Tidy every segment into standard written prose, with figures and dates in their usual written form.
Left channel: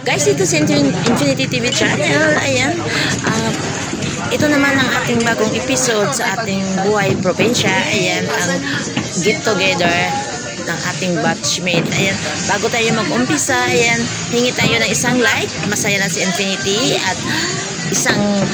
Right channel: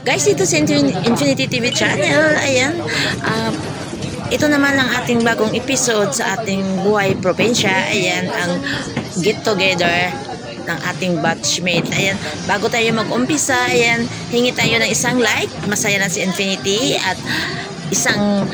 Guys, ito sa Infinity TV channel. Ayan. Ito naman ang ating bagong episode sa ating Buhay Probinsya. Ayan, ang get together ng ating batchmate. Ayan, bago tayo mag-umpisa, ayan, hingi tayo ng isang like. Masaya na si Infinity at isang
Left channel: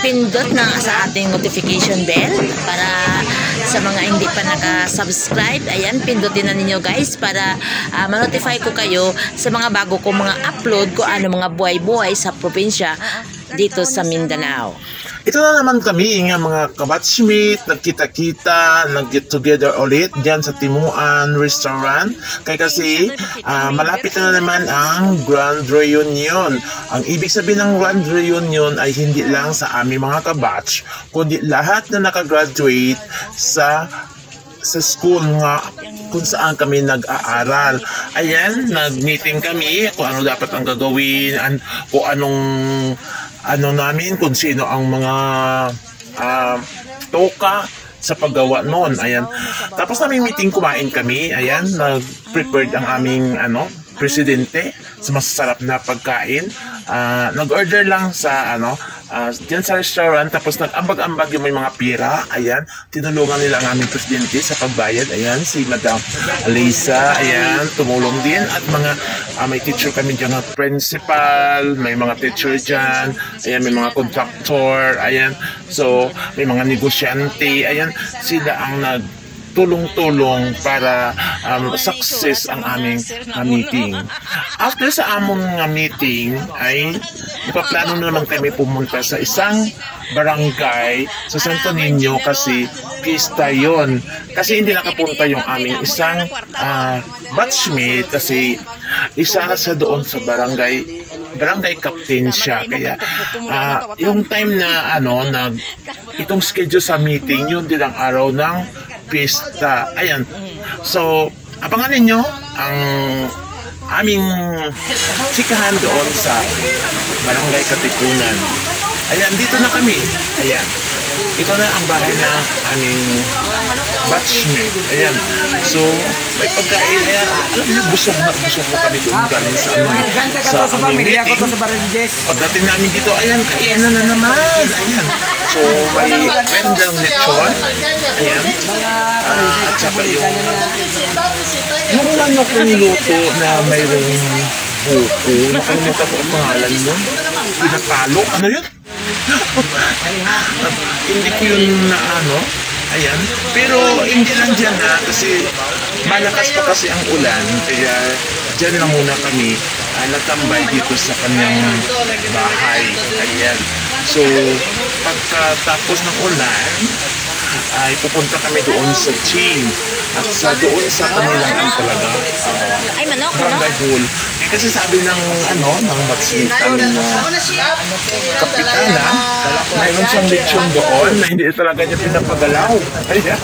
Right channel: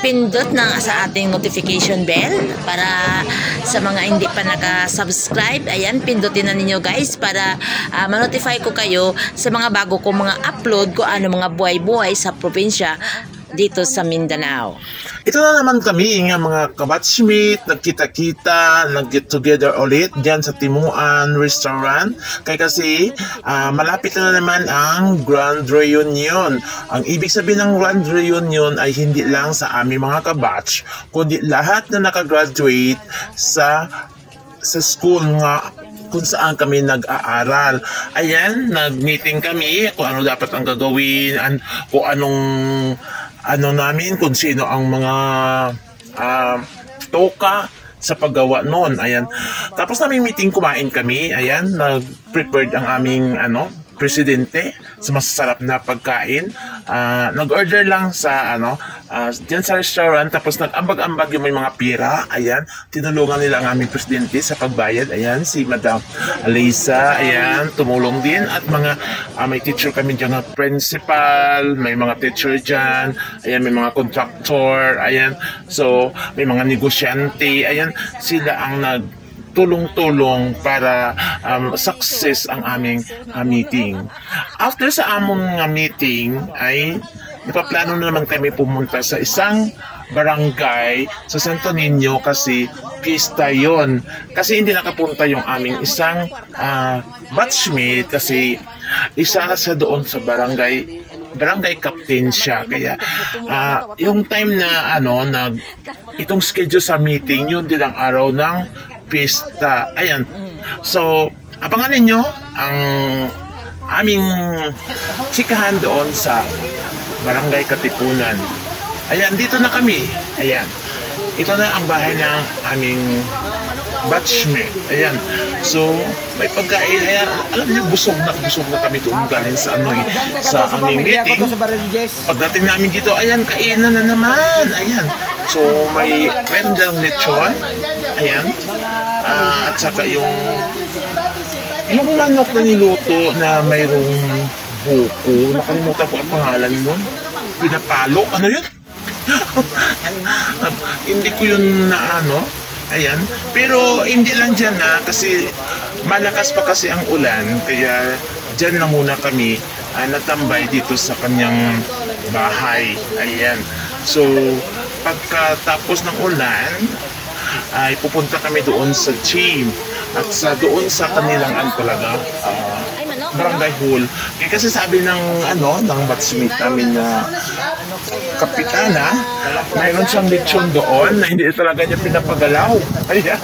pindot na sa ating notification bell para sa mga hindi pa naka-subscribe. Ayan, pindutin na ninyo guys para ma-notify ko kayo sa mga bago kong mga upload ko ano mga buhay-buhay sa probinsya dito sa Mindanao. Ito na naman kami nga mga kabatchmate, nagkita-kita, nag-get together ulit dyan sa Timuan Restaurant. Kaya kasi malapit na naman ang Grand Reunion. Ang ibig sabihin ng Grand Reunion ay hindi lang sa aming mga kabatch, kundi lahat na nakagraduate sa school nga kung saan kami nag-aaral. Ayan, nag-meeting kami kung ano dapat ang gagawin, kung namin, kung sino ang mga toka sa paggawa noon. Ayan. Tapos namin meeting, kumain kami. Ayan, nag-prepared ang aming presidente sa masasarap na pagkain. Nag-order lang sa diyan sa restaurant, tapos nag-ambag-ambag yung may mga pira. Ayan, tinulungan nila ang aming presidente sa pagbayad. Ayan, si Madam Alisa, ayan, tumulong din. At mga may teacher kami dyan, principal, may mga teacher dyan, ayan, may mga contractor, ayan, so may mga negosyante, ayan, sila ang tulong-tulong para success ang aming meeting. After sa among meeting ay napaplano na naman kami pumunta sa isang barangay sa Santo Niño kasi pista yon. Kasi hindi nakapunta yung aming isang batchmate kasi isa sa doon sa barangay captain siya. Kaya yung time na itong schedule sa meeting, yun din ang araw ng pista. Ayan. So, abangan ninyo ang aming sikahan doon sa Barangay Katipunan. Ayan, dito na kami. Ayan. Ito na ang bahay ng aming batchmate. Ayan. So, may pagkain. Ayan, alam niyo, busog na kami doon galing sa sa aming meeting. Pagdating namin dito, ayan, kainan na naman. Ayan. So, meron lang lechon. Ayan. At saka yung manok na niluto na mayroong buko. Nakalimutan ko ang pangalan nun. Pinapalo. Ano yun? Hindi ko yun ayan. Pero hindi lang dyan kasi malakas pa kasi ang ulan. Kaya dyan lang muna kami natambay dito sa kanyang bahay. Ayan. So, pagkatapos ng ulan, ay pupunta kami doon sa gym at doon sa kanilang talaga barangay hall. Kasi sabi ng batchmate namin na kapitana, mayroon siyang lechon doon na hindi talaga niya pinapagalaw. Ayan.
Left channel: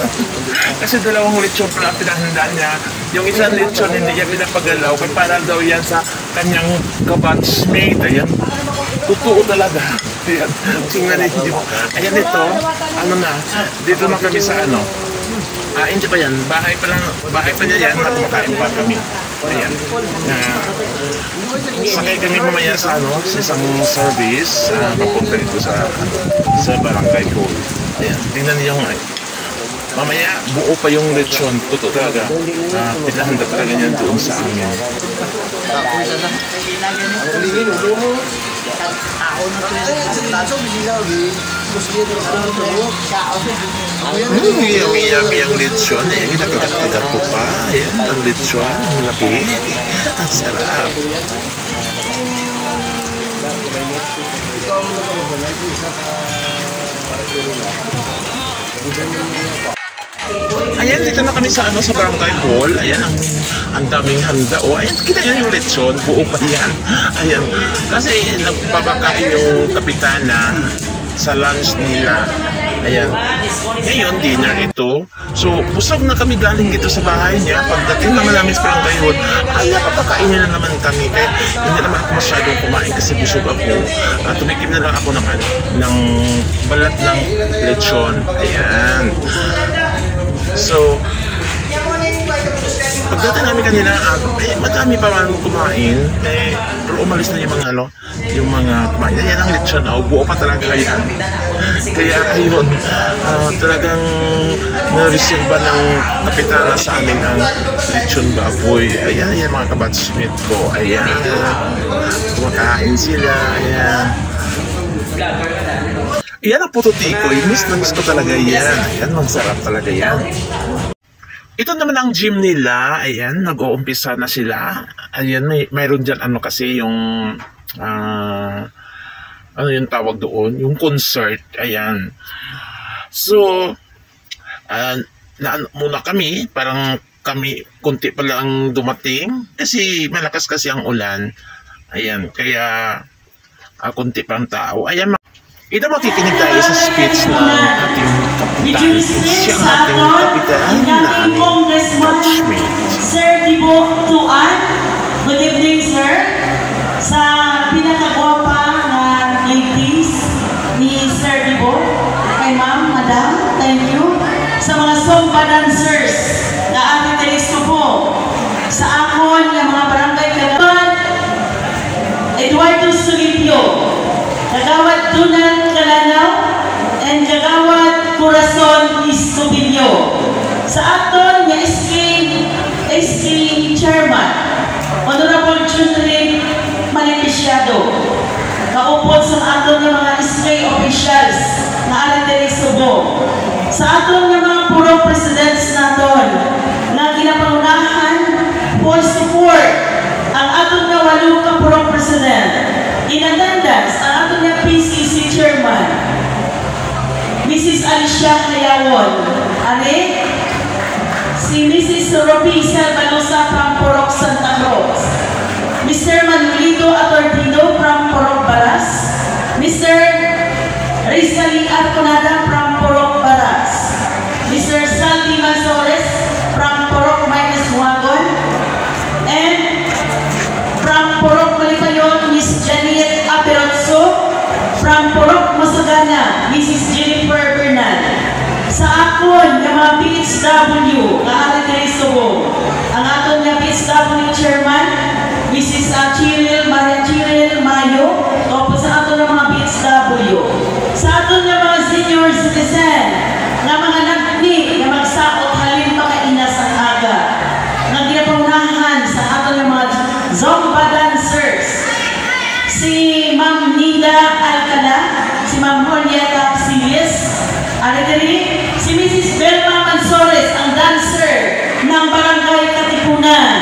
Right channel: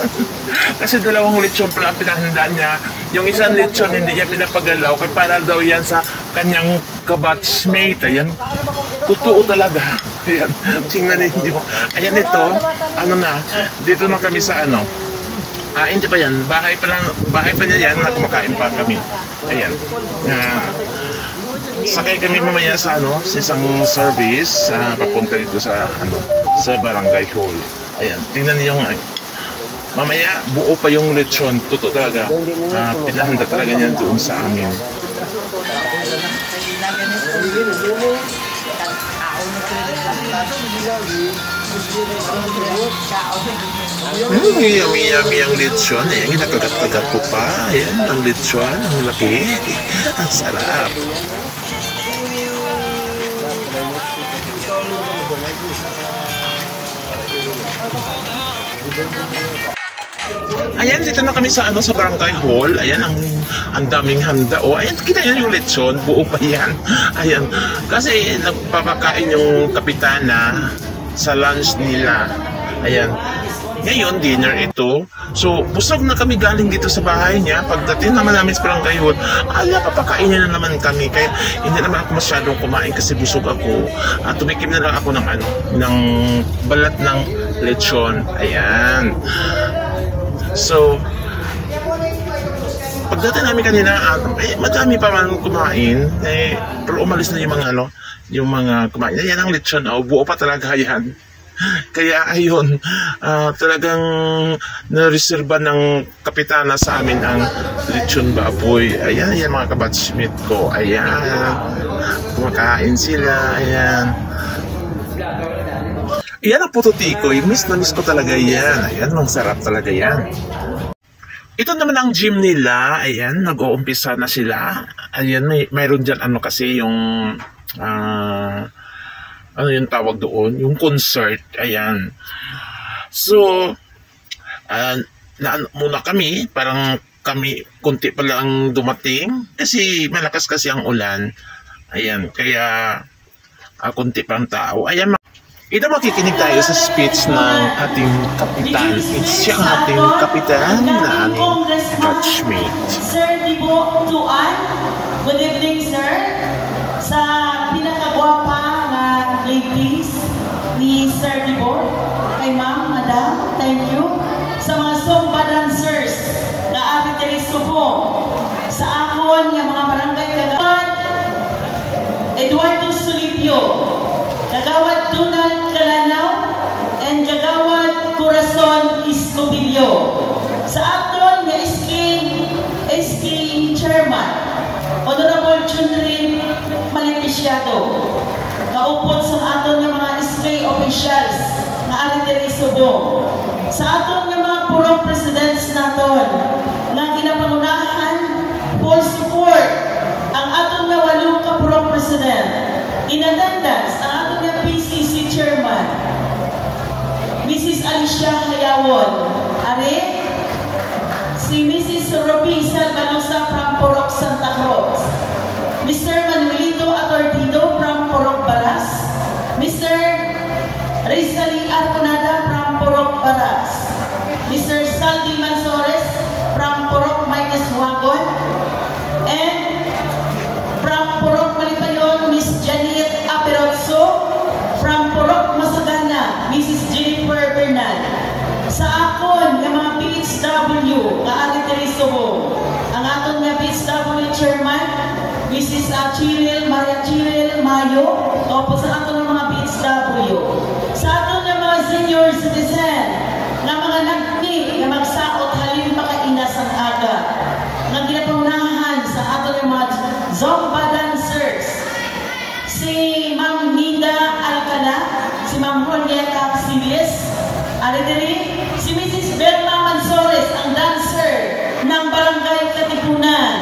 Kasi dalawang lechon pala ang pinahanda niya. Yung isang lechon hindi niya pinapagalaw kaya para daw yan sa kanyang kabatchmate. Ayan. Totoo talaga. Ayan. Tingnan ninyo. Ayan ito. Dito na kami sa hindi pa yan. Bahay pa niya yan na kumakain pa kami. Ayan. Sakay kami mamaya sa sa isang service papunta dito sa barangay hall. Ayan. Tingnan niyo mamaya buo pa yung lechon. Totoo talaga. Pinahanda talaga niyan doon sa amin. Yummy ang lechon. Ayan, nakagat-kagat ko pa. Ayan, ang lechon. Ang laki. Ang sarap. Ayan, dito na kami sa barangay hall. Ayan, ang daming handa. Ayan, kita niyo yung lechon. Buo pa yan. Ayan. Kasi nagpapakain yung kapitana sa lunch nila. Ayan. Ngayon, dinner ito. So, busog na kami galing dito sa bahay niya. Pagdating naman namin sa barangay hall, papakainin na naman kami. Kaya hindi naman ako masyadong kumain kasi busog ako. Tumikim na lang ako ng balat ng lechon. Ayan. So, pagdating namin kanina, madami pa man kumain, pero umalis na yung mga yung mga kumain. Yan ang lechon, buo pa talaga yan. Kaya ayun, talagang nareserba ng kapitana sa amin ang lechon baboy. Ayan, mga kabatsmith ko. Ayan, kumakain sila. Ayan. Ayan ang puto tikoy. Miss na miss ko talaga yan. Ayan, masarap talaga yan. Ito naman ang gym nila. Ayan, nag-uumpisa na sila. Ayan, mayroon dyan kasi yung ano yung tawag doon? Yung concert. Ayan. So, muna kami, parang kami kunti pa lang dumating kasi malakas kasi ang ulan. Ayan, kaya kunti pang tao. Ayan, ito makikinig tayo sa speech ng ating kapitan. Siya ang ating kapitan na aming batchmate. Sir Dibo Tuan, good evening sir. Sa pinakagwapa na ladies ni Sir Dibo, kay ma'am, madam, thank you. Sa mga Zumba dancers na ari telisto po, sa akon ng mga barangay Kagawad, Eduardo Sulipio, Kagawad Donald Calanaw, and Kagawad Corazon Escobillo. Sa aton nga SK Chairman, Honorable Junrin Malipisyado, kaupod sa aton nga mga SK officials na ari diri Subo, sa aton nga mga purong presidents naton nga ginapangunahan for support ang aton nga 8 ka purong president. In attendance, ang aton nga PCC Chairman, Mrs. Alicia Hayawon, ari si Mrs. Roby Salvalosa from Porok Santa Cruz, Mr. Manuelito Atordido from Porok Baras, Mr. Rizali Arconada from Porok Baras, Mr. Sandy Mansores from Porok Minus Wagon, and from Porok Malipayon, Miss Janet Aperotso, from Porok Masagana, Mrs. Jennifer Bernal. Sa akon nga mga PHW nga ari diri Subo, ang aton nga PHW Chairman, Mrs. Maria Chiril Mayo, o sa aton nga mga PHW. Sa aton nga mga senior citizen nga mga nagni nga magsaot halin makainas ang aga, nga ginapangunahan sa aton nga mga Zumba dancers, si Ma'am Nida Alcala, si Ma'am Julieta Capsilis, ari diri si Mrs. Belma Mansores, ang dancer ng Barangay Katipunan.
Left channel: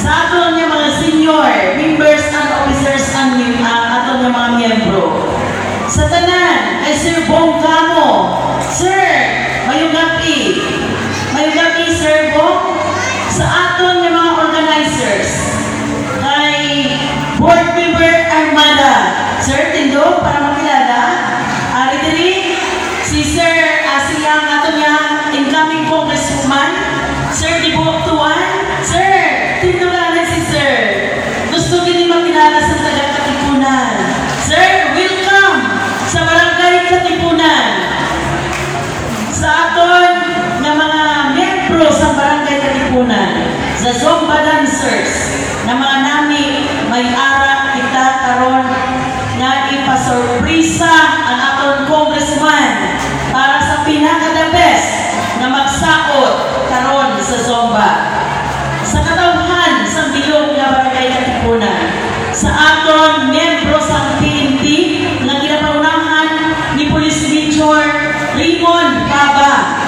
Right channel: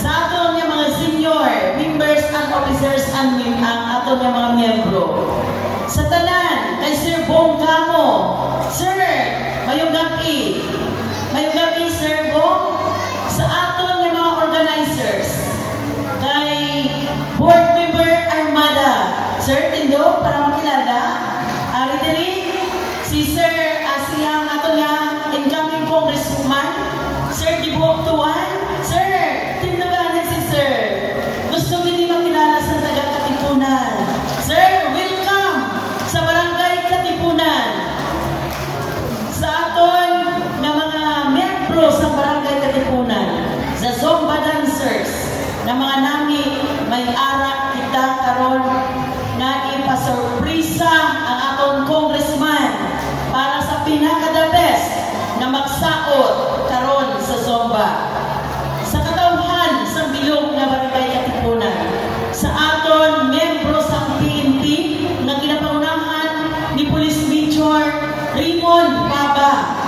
Sa aton nga mga senior members and officers ang aton nga mga miyembro. Sa tanan kay Sir Bong Camo, Sir, mayong gabi Sir Bong. Sa aton nga mga organizers, kay Board Member Armada, Sir Tindo, para makilala, ari diri si Sir Asiyang aton nga incoming congresswoman, Sir Dibo Tuan. Sir, Tindo lang si Sir. Gusto gini makilala sa taga Katipunan. Sir, welcome sa Barangay Katipunan. Sa aton nga mga membro sa Barangay Katipunan, sa Zumba dancers, na mga nami may ara kita karon nga ipasurprisa ang aton congressman para sa pinaka-the best na magsaot karon sa Zumba. Sa katawhan sa bilog na Barangay Katipunan, sa aton membro sa PNP na ginapangunahan ni Police Major Raymond Baba,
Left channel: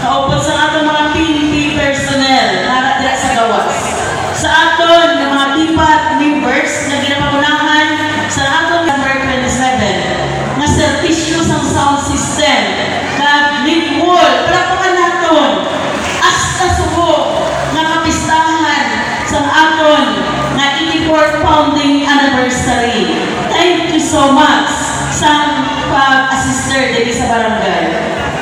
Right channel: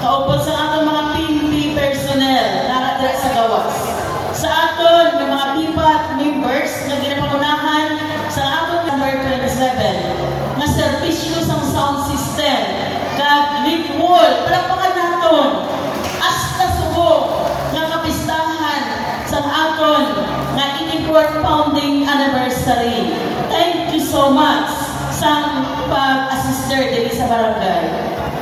kaupod sa aton mga PNP personnel na diya sa gawas. Sa aton ng mga pipat members na ginapangunahan sa aton number 27 na servisyo sa sound system kag link wall palapakan naton hasta Subo nga kapistahan sa aton na 84th founding anniversary. Thank you so much sa pag-assister din sa barangay.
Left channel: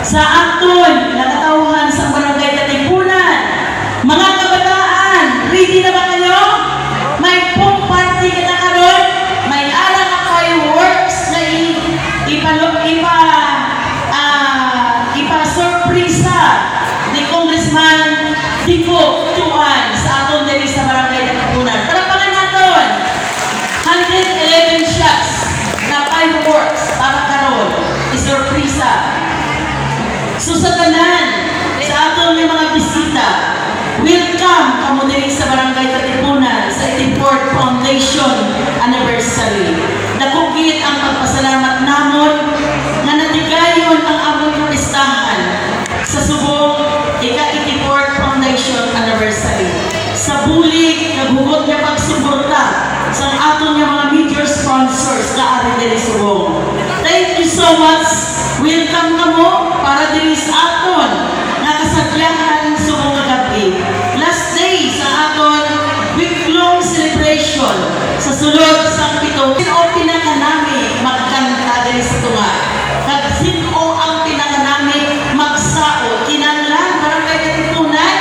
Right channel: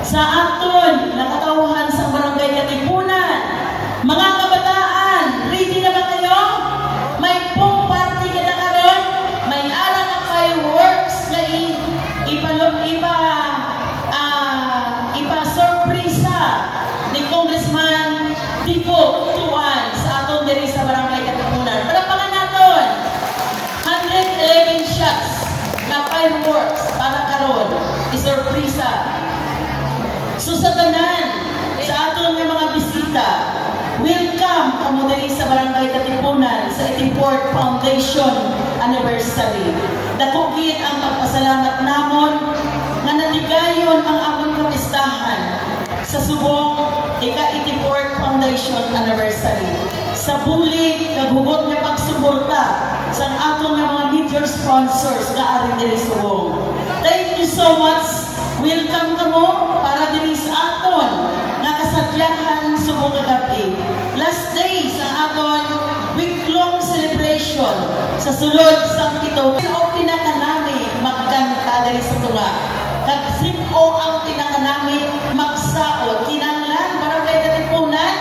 Sa aton nakatauhan sa Barangay Katipunan, mga kabataan, ready na ba kayo? May pong party ka na karon? May ara ka fireworks na ipa-surpresa ni Congressman Dibo Barangay Katipunan sa 84th Foundation Anniversary. Dakugit ang pagpasalamat namon nga natigayon ang among kapistahan sa subong ika-84th Foundation Anniversary. Sa bulig, naghugot niya pagsuporta sa aton nga mga major sponsors na ari diri subong. Thank you so much. Welcome kamo para diri sa aton nga kasadyahan subong nga gabi. Last day sa aton week-long celebration sa sulod sa pito. Sino pinakanami magkanta diri sa tunga? Kag sino ang pinakanami magsaot? Kinahanglan Barangay Katipunan,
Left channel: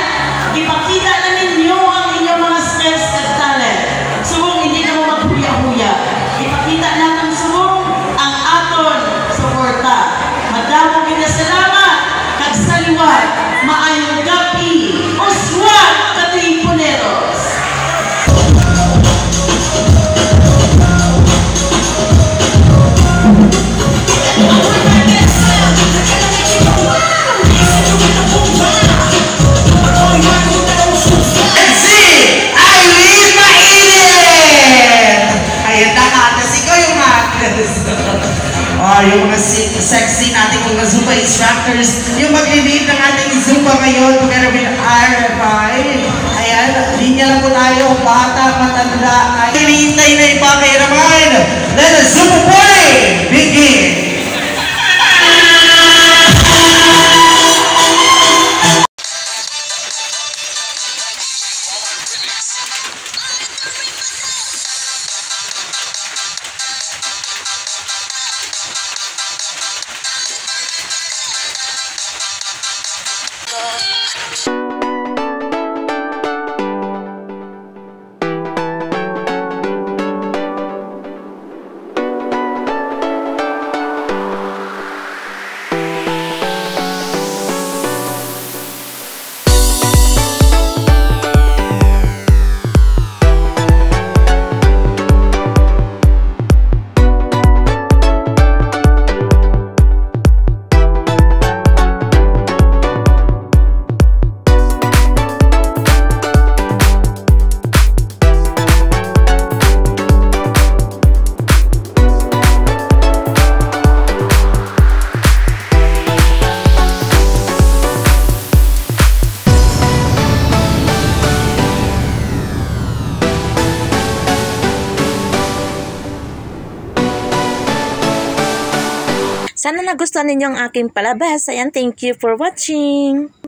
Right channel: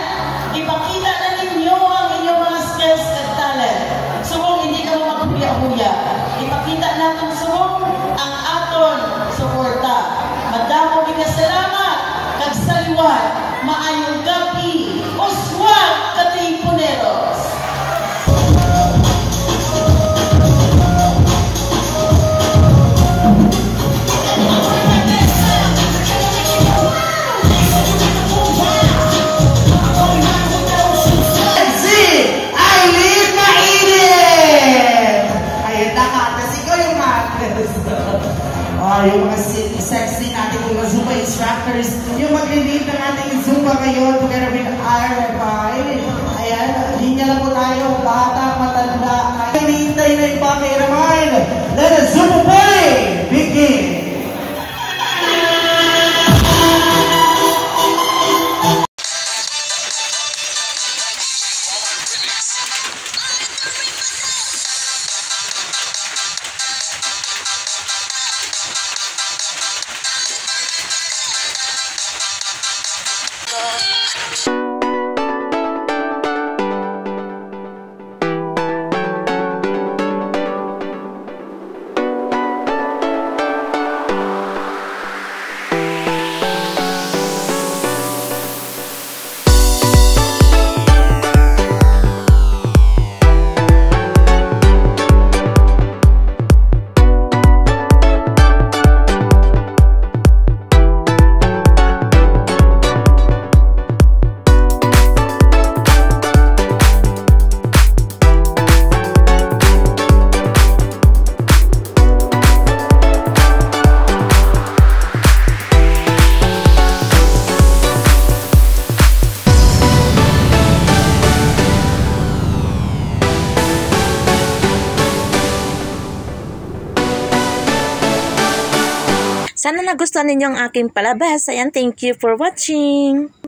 ipakita na ninyo ang inyong mga skills at talent. Subong hindi na mo maghuya-huya. Ipakita natin subong ang aton suporta. Madamo pinasalamat kag saliwat maayong gabi. Oswald Katipuneros. Yung mga sexy nating mga Zumba instructors, yung mag-lead ng ating Zumba ngayon together with RFI. Ayan, linya lang po tayo, bata, matanda. Hinihintay na iba kay Raman. Let the Zumba party begin! Sana nagustuhan ninyo ang aking palabas. Ayan, thank you for watching.